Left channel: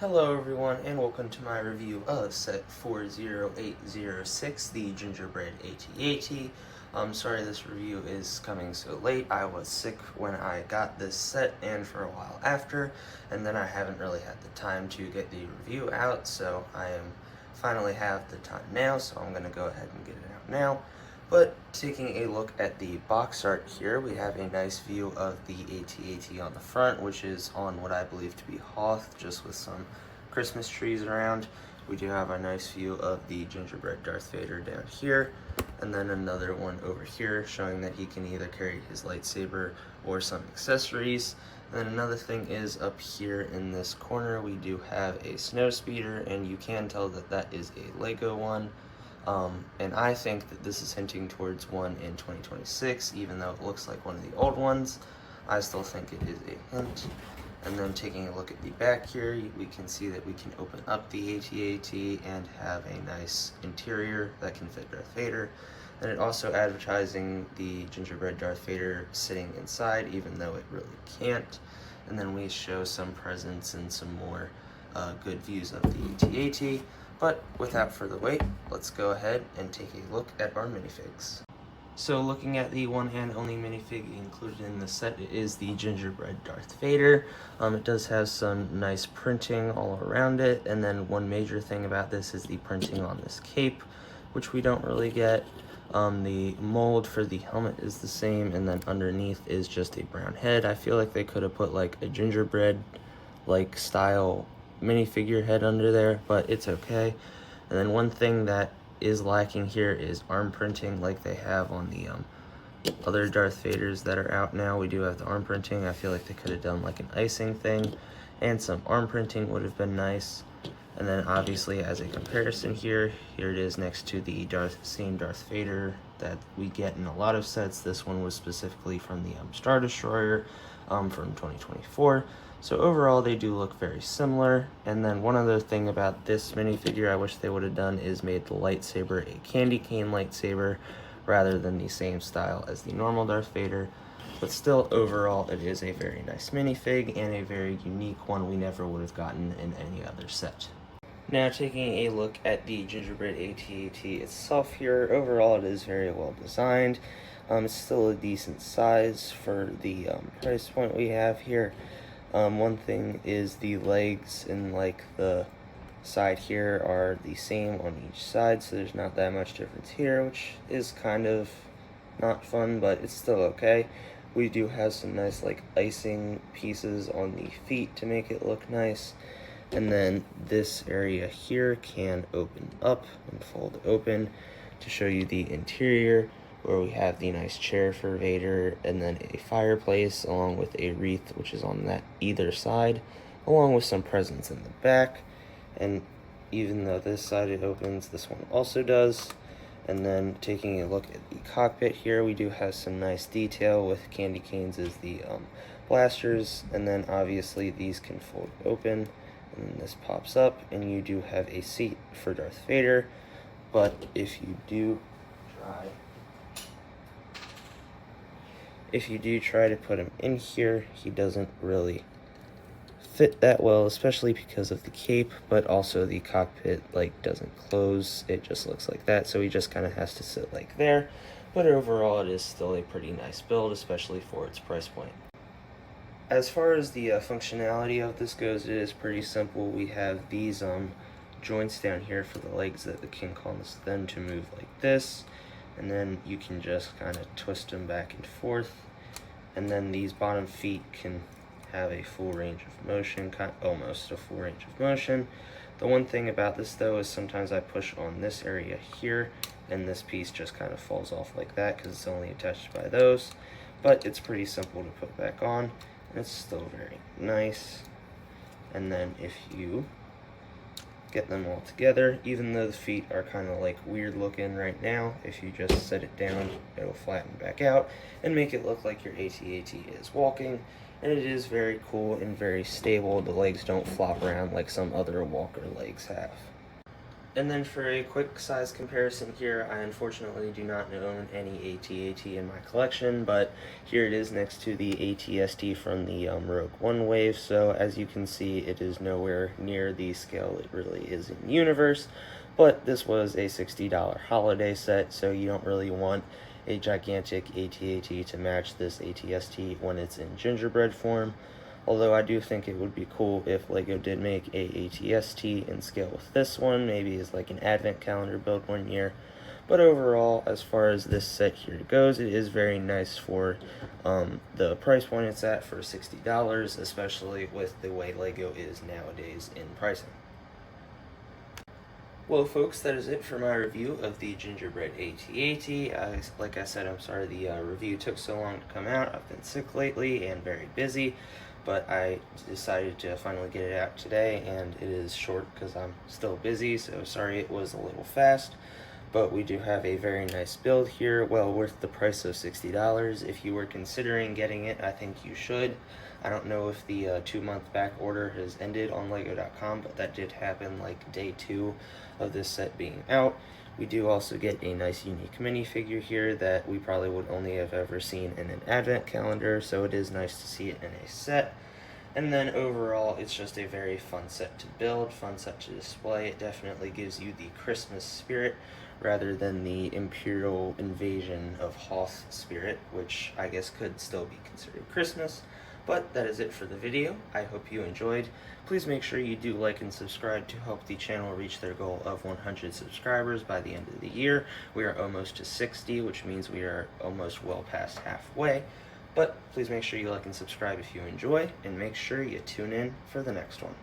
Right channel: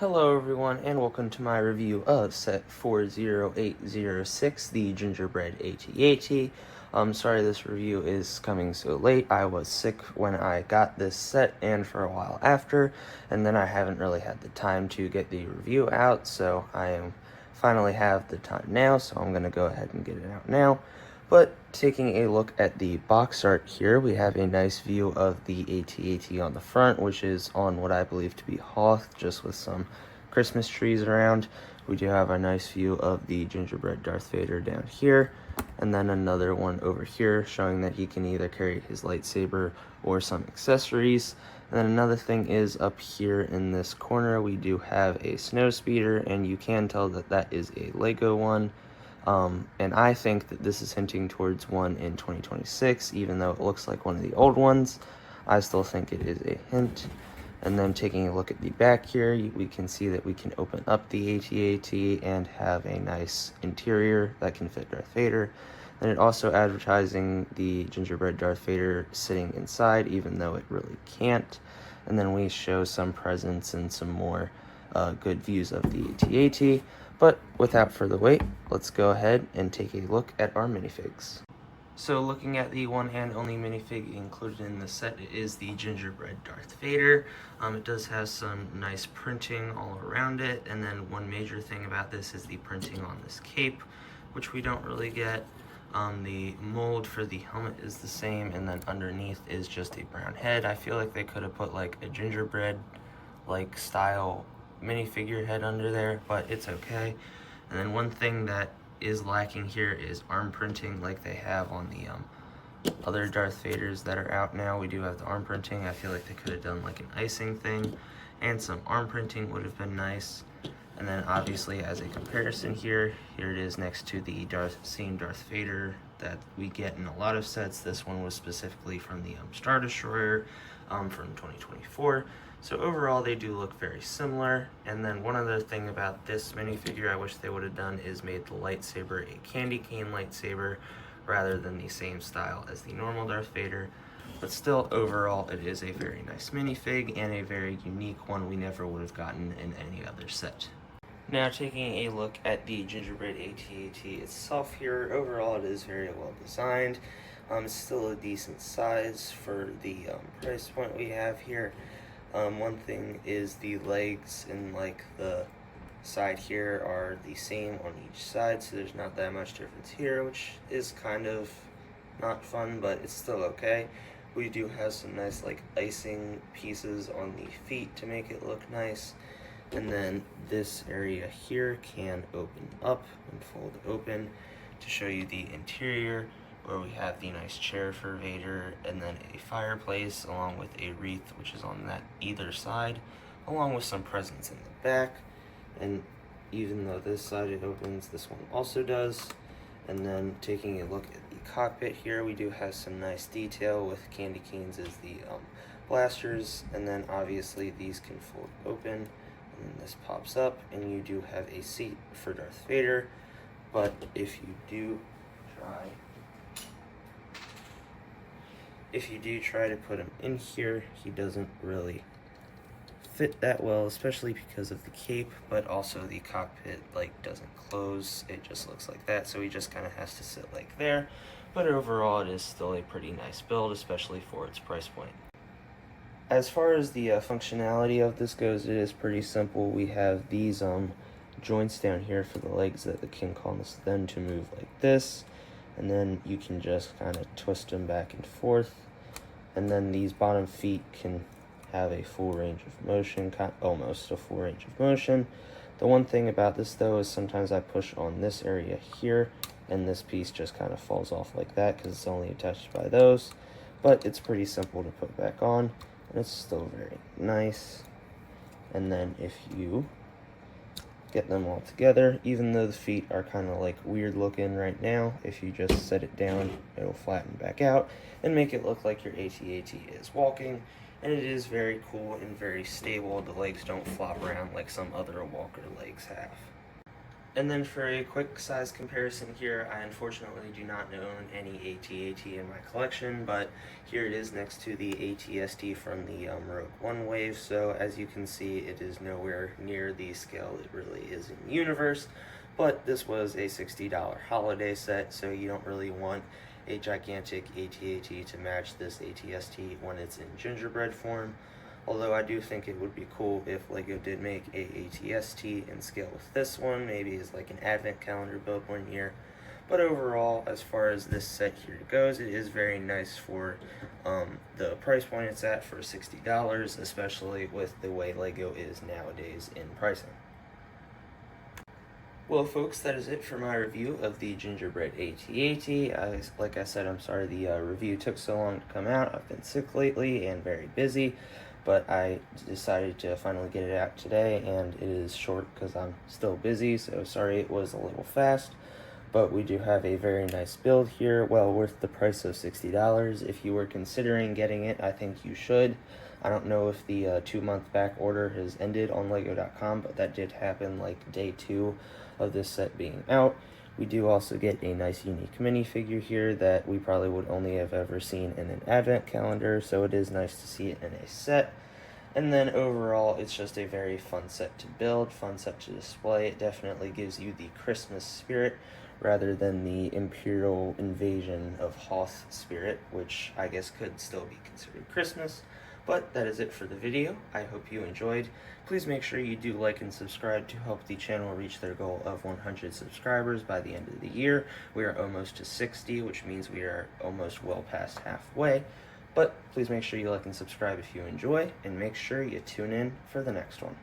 Hello everyone, and welcome to my review of set 40806, the Gingerbread AT-AT. I'm sorry this review is coming so late. I was sick when I got this set and for a while after, and then I haven't really had the time to get the review out, so I finally have the time now, so I'm going to go ahead and get it out now. But taking a look at the box art here, we have a nice view of the AT-AT on the front, which is on what I believe to be Hoth, just with some Christmas trees around. We do have a nice view of the Gingerbread Darth Vader down here, and then another one over here showing that he can either carry his lightsaber or some accessories. And then another thing is up here in this corner, we do have a snow speeder, and you can tell that that is a Lego one. And I think that this is hinting towards one in 2026, even though it looks like one of the old ones. I still think it is a hint. And then taking a look at the back here, we can see that we can open up the AT-AT and have a nice interior that can fit Darth Vader. And it also advertising the Gingerbread Darth Vader sitting inside, even though it really can't. And then we show some presents and some more good views of the AT-AT. But without further wait, let's go ahead and take a look at our minifigs. So looking at the one and only minifig included in the set, it is the Gingerbread Darth Vader. It does have some nice printing all around it, and then one major thing about this is the printing on this cape, which we don't really get. The mold for the helmet is the same, and then underneath is just a brown head. I feel like they could have put like a gingerbread like style minifigure head under there, but it's okay. And then one thing that is lacking here is arm printing like they have on the other Darth Vaders that are out now. We do have the arm printing. I feel like they could have done like an icing thing, and some arm printing would have been nice. And then obviously as a comparison here it is next to the same Darth Vader that we get in a lot of sets. This one was specifically from the Star Destroyer from 2024. So overall they do look very similar. And then one other thing about this minifigure I wish they would have done is made the lightsaber a candy cane lightsaber rather than the same style as the normal Darth Vader. But still, overall, it is a very nice minifig and a very unique one we never would have gotten in any other set. Now taking a look at the Gingerbread AT-AT itself here, overall it is very well designed. It's still a decent size for the price point we have here. One thing is the legs and like the side here are the same on each side, so there's not that much difference here, which is kind of not fun, but it's still okay. We do have some nice like icing pieces on the feet to make it look nice. And then this area here can open up and fold open to show you the interior, where we have the nice chair for Vader, and then a fireplace along with a wreath which is on that either side, along with some presents in the back. And even though this side it opens, this one also does. And then taking a look at the cockpit here, we do have some nice detail with candy canes as the blasters, and then obviously these can fold open, and then this pops up, and you do have a seat for Darth Vader. But if you do try to put him in here, he doesn't really fit that well, especially because of the cape, but also the cockpit like doesn't close. It just looks like that, so he just kind of has to sit like there. But overall it is still a pretty nice build, especially for its price point. As far as the functionality of this goes, it is pretty simple. We have these joints down here for the legs that can cause them to move like this, and then you can just kind of twist them back and forth. And then these bottom feet can have a full range of motion, almost a full range of motion. The one thing about this though is sometimes I push on this area here and this piece just kind of falls off like that because it's only attached by those. But it's pretty simple to put back on, and it's still very nice. And then if you get them all together, even though the feet are kind of like weird looking right now, if you just set it down, it'll flatten back out and make it look like your AT-AT is walking. And it is very cool and very stable. The legs don't flop around like some other walker legs have. And then for a quick size comparison here, I unfortunately do not own any AT-AT in my collection, but here it is next to the AT-ST from the Rogue One wave, so as you can see, it is nowhere near the scale it really is in the universe, but this was a $60 holiday set, so you don't really want a gigantic AT-AT to match this AT-ST when it's in gingerbread form. Although I do think it would be cool if LEGO did make a AT-ST in scale with this one, maybe as like an advent calendar build one year. But overall, as far as this set here goes, it is very nice for the price point it's at for $60, especially with the way LEGO is nowadays in pricing. Well, folks, that is it for my review of the Gingerbread AT-AT. Like I said, I'm sorry the review took so long to come out. I've been sick lately and very busy, but I decided to finally get it out today, and it is short because I'm still busy, so sorry it was a little fast. But we do have a very nice build here, well worth the price of $60. If you were considering getting it, I think you should. I don't know if the 2-month back order has ended on Lego.com, but that did happen like day 2 of this set being out. We do also get a nice unique minifigure here that we probably would only have ever seen in an advent calendar, so it is nice to see it in a set. And then overall, it's just a very fun set to build, fun set to display. It definitely gives you the Christmas spirit rather than the Imperial Invasion of Hoth spirit, which I guess could still be considered Christmas. But that is it for the video. I hope you enjoyed. Please make sure you do like and subscribe to help the channel reach their goal of 100 subscribers by the end of the year. We are almost to 60, which means we are almost well past halfway. But please make sure you like and subscribe if you enjoy, and make sure you tune in for the next one.